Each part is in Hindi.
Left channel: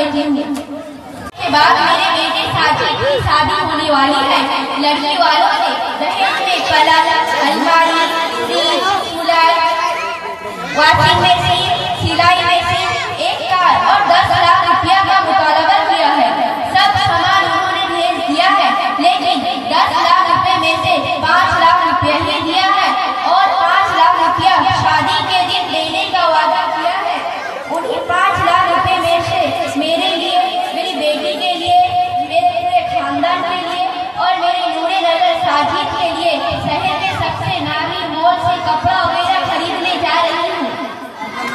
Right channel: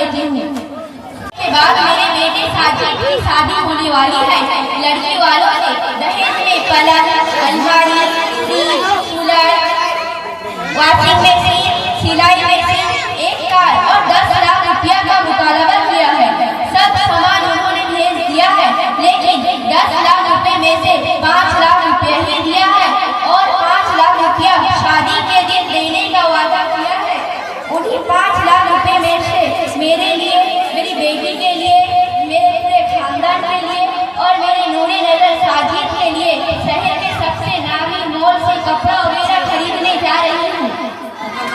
लेती हूँ। के बाद मेरे बेटे साजिद की शादी होने वाली है। लड़की वालों ने दहेज में पलंग, अलमारी, फ्रिज, कूलर, वॉशिंग मशीन, सिलाई मशीन, एक कार और 10 लाख रुपया का मुतालबा किया है। सब सामान उन्होंने भेज दिया है, लेकिन 10 लाख रुपए में से 5 लाख रुपया ही दिया है और 5 लाख रुपया शादी के दिन देने का वादा किया है। उन्हीं 5 लाख रुपए में से मेरे लिए, मेरी बेटी के लिए, मेरे पूरे खानदान के लिए और मेरे नूरे नजर साजिद के लिए शहर के सबसे नामी मॉल से कपड़ा वगैरह खरीदने जा रही हूँ।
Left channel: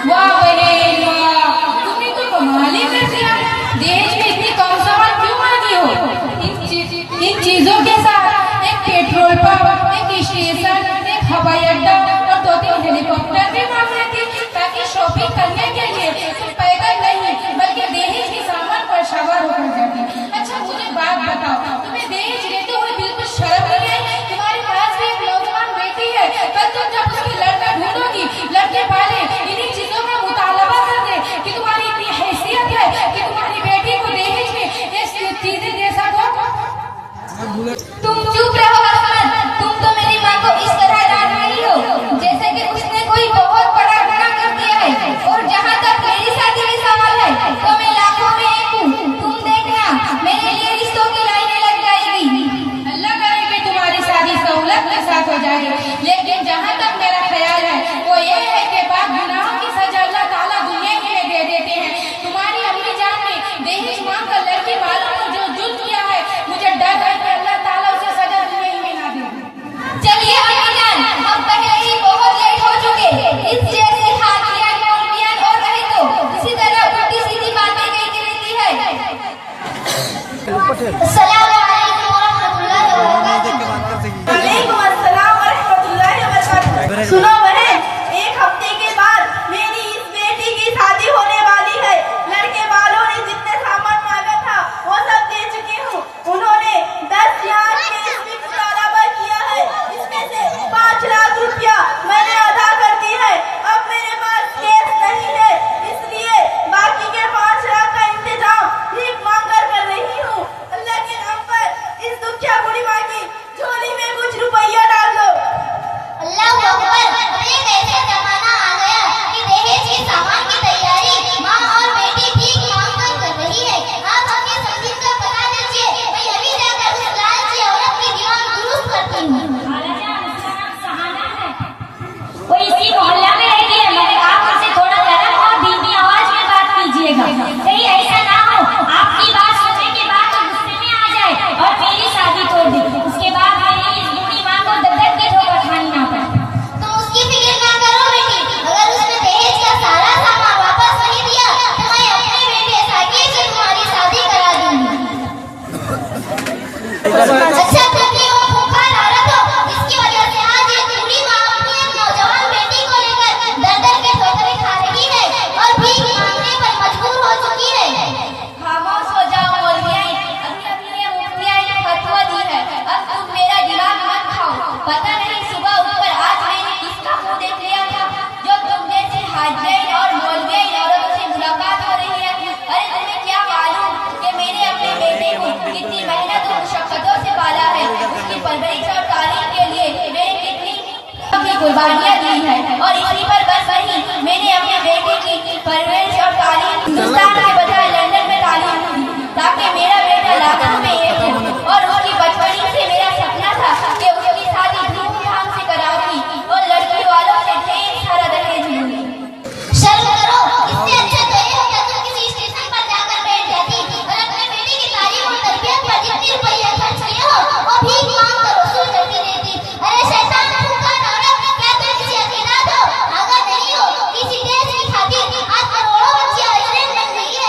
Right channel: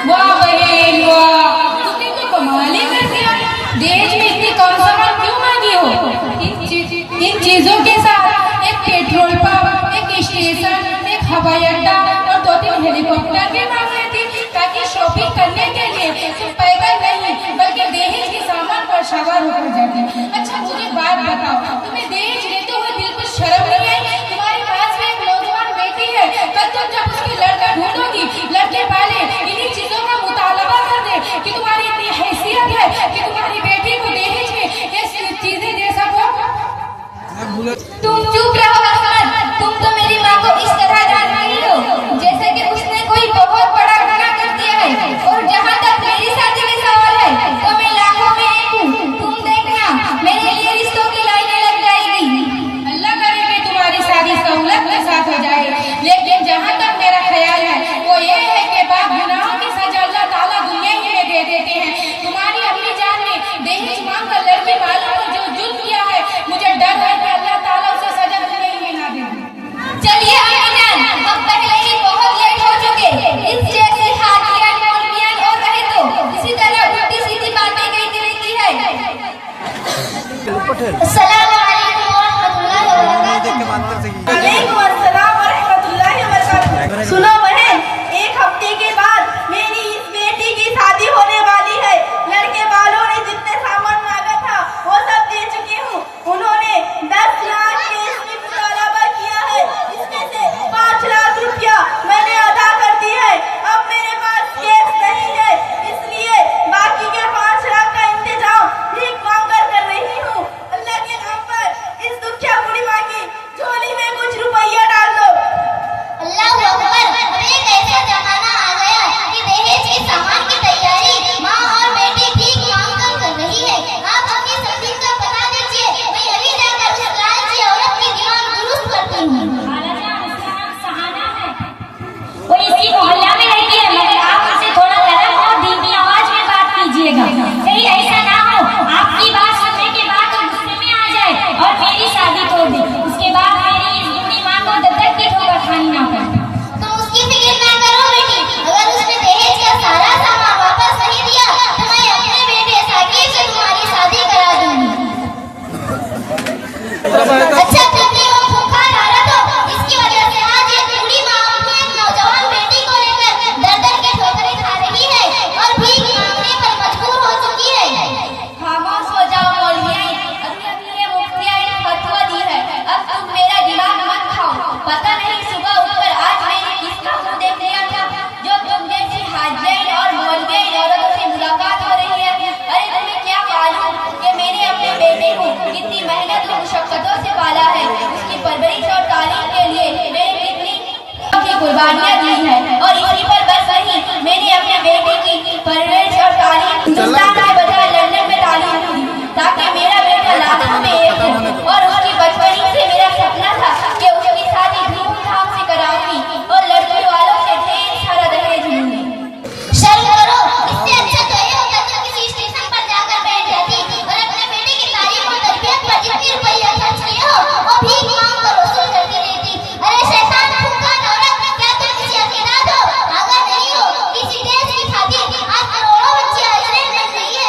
वाह बहन वाह, तुमने तो कमाल ही कर दिया। दहेज में इतनी कम सामान क्यों मांगी हो? इन चीजों के साथ एक पेट्रोल पंप, एक स्टेशन, एक हवाई अड्डा और 2-3 हेलीकॉप्टर भी मांगने थे, ताकि शॉपिंग करने के लिए सिर्फ पैदल नहीं बल्कि दहेज के सामान पर सवार होकर जाते। अच्छा मुझे बात बताओ, तुम्हें दहेज लेते हुए बिल्कुल शर्म नहीं आई? तुम्हारे पास भी एक नौजवान बेटी है, पर तुम जब उसकी लड़का ढूंढोगी, लड़के वाले इन्हीं चीजों का मुतालबा कर दे कि तुम्हारी इतनी हैसियत है कि तुम्हारी बेटी को दहेज में ये चीजें दे सको। तुम चुप रहो अहमद, तुम तो मेरी माँ को इस तरह जान रही हो जैसे कि उसने कोई बहुत बड़ा गुनाह कर दिया है। और जहाँ तक मेरी शादी का सवाल है तो मैं लाखों में एक हूँ। तुम देखना मेरे लिए रिश्तों की लाइनें लग जाएगी। अल्लाह करे कि तुम्हारी शादी सहूलत के साथ हो जाए, लेकिन जहाँ तक मेरा ख्याल है वो ये है कि पाप गुनाहों की सजा अल्लाह ताला दुनिया ही में दे देते हैं। तुम्हारी अम्मी जान ने दहेज मांग कर लड़की वालों को जो जुल्म किया है, मुझे डर है कि अल्लाह ताला उसे सजा दुनिया ही में ना दे। चलिए अम्मी जान, हम पहले ही बहुत लेट हो चुके। इस जैसी हाथियां, मौलवियां और रहे तो इसी तरह उल्टी सीधी बातें कहती रहती है। अस्सलाम वालेकुम वरहमतुल्लाहि वबरकातुहू। वालेकुम अस्सलाम वरहमतुल्लाहि वबरकातुहू। सुनो बहन, एक हफ्ते के बाद मेरी इस बेटी की शादी होने वाली है। लड़के वालों ने जितने सामान मांगा था वो सब दे चुकी हूँ। उन्होंने 10 लाख केस में मुतालबा किया है, इसमें से 5 लाख रुपया मैंने अदा कर दी है। अब मेरे पास केस नहीं है, इसलिए बाकी के 5 लाख का इंतजाम भीख मांग कर रही हूँ। अल्लाह के नाम पर इस दुखिया बुढ़ी माँ की झोली में कुछ रुपया डाल दो। अल्लाह अकबर। अरे कैसा जमाना आ गया कि दहेज के सामान की तैयारी माँ और बेटी भीख मांग कर रही है। आप अपनी तकलीफ का पता दीजिए, मैं अभी जाकर उस लालची औरत की दिमाग दुरुस्त करती हूँ। वो इसी मोहल्ला में रहती है, मगर आप उससे थोड़ा नरम और धीमी आवाज में बात कीजिएगा। कहीं ऐसा ना हो आपकी बात सुनने के बाद वो गुस्से में आ जाए और मेरी शादी तोड़ दे। उसके बाद मेरी इस बूढ़ी माँ को दत्तक के ठोकर खानी ना पड़े। तुम उसकी फिक्र ना करो बेटी, अगर उसने दहेज का सारा सामान वापस नहीं दिया तो मैं अपने बेटे साकिब से तुम्हारी शादी करा दूंगी। अच्छा तुमने वो भूखा डाला तो इसकी वजह से आज एक बूढ़ी माँ अपनी एक नौजवान बेटी को लेकर दर के ठोकरें खा रही है और भीख मांगने पर मजबूर हो चुकी है। खामोश हो जाओ मौलविया, अभी ये मुफ्तिया ने फतवा दी है, अब तुम मेरा दिमाग मत खाओ। पता नहीं सुबह उठकर आज मैंने किसका मुंह देख लिया था जो तुम जैसी हाजियाइन और मौलवियाइन औरतों से मुलाकात हो रही है। अरे तुम्हें क्या मालूम कि मैंने अपने बेटे को कितनी मेहनत और मुशक्कतों से पाला है। उसकी परवरिश और तालीम के लिए मैंने कितनी कुर्बानियां दी है और इसी पर बस नहीं, मैंने अपने बेटे की परवरिश और तालीम हिंदुस्तान के बजाय लंदन में तालीम दी ताकि मेरा बेटा लाखों में एक हो। और उसकी बचपन से मेरा सपना था कि उसकी शादी धूमधाम से कराऊंगी और लड़की वालों से ढेर सारा दहेज लूंगी। शर्म करो, इससे अच्छा तो ये होता कि किसी स्टेशन पर जाकर बैठ जाती और अपने बेटे की तालीम और तरबियत पर जितने रुपया खर्च किए हो वो भीख मांग कर वसूल करती रहती। अरे शैतान भूखा औरत, क्या तुम किसी अकीदत हो? अगर नहीं हो, किसी देश की खातिर आज करोड़ों बच्चियां इसराइल में रही है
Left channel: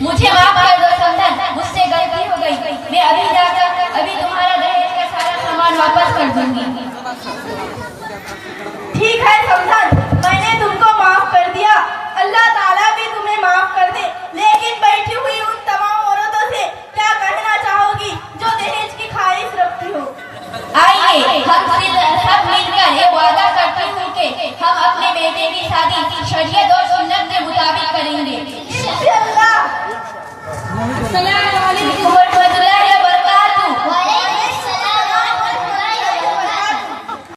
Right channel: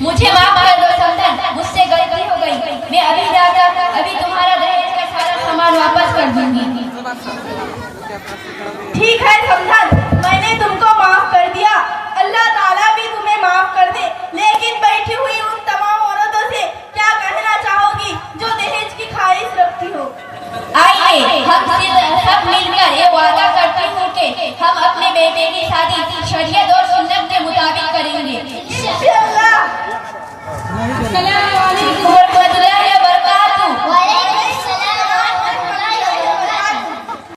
मुझे माफ कर दो समधन, मुझसे गलती हो गई। मैं अभी जाकर अभी तुम्हारा दहेज का सारा सामान वापस कर दूंगी। ठीक है समधन, मैंने तुमको माफ कर दिया। अल्लाह ताला भी तुम्हें माफ कर दे। लेकिन बैठी हुई उन तमाम औरतों से क्या कहना चाहोगी जो दहेज की ख्वाहिश रखती हो? आइए हम सब मिलकर ये वादा करते हैं कि हम अपने बेटे की शादी शरीयत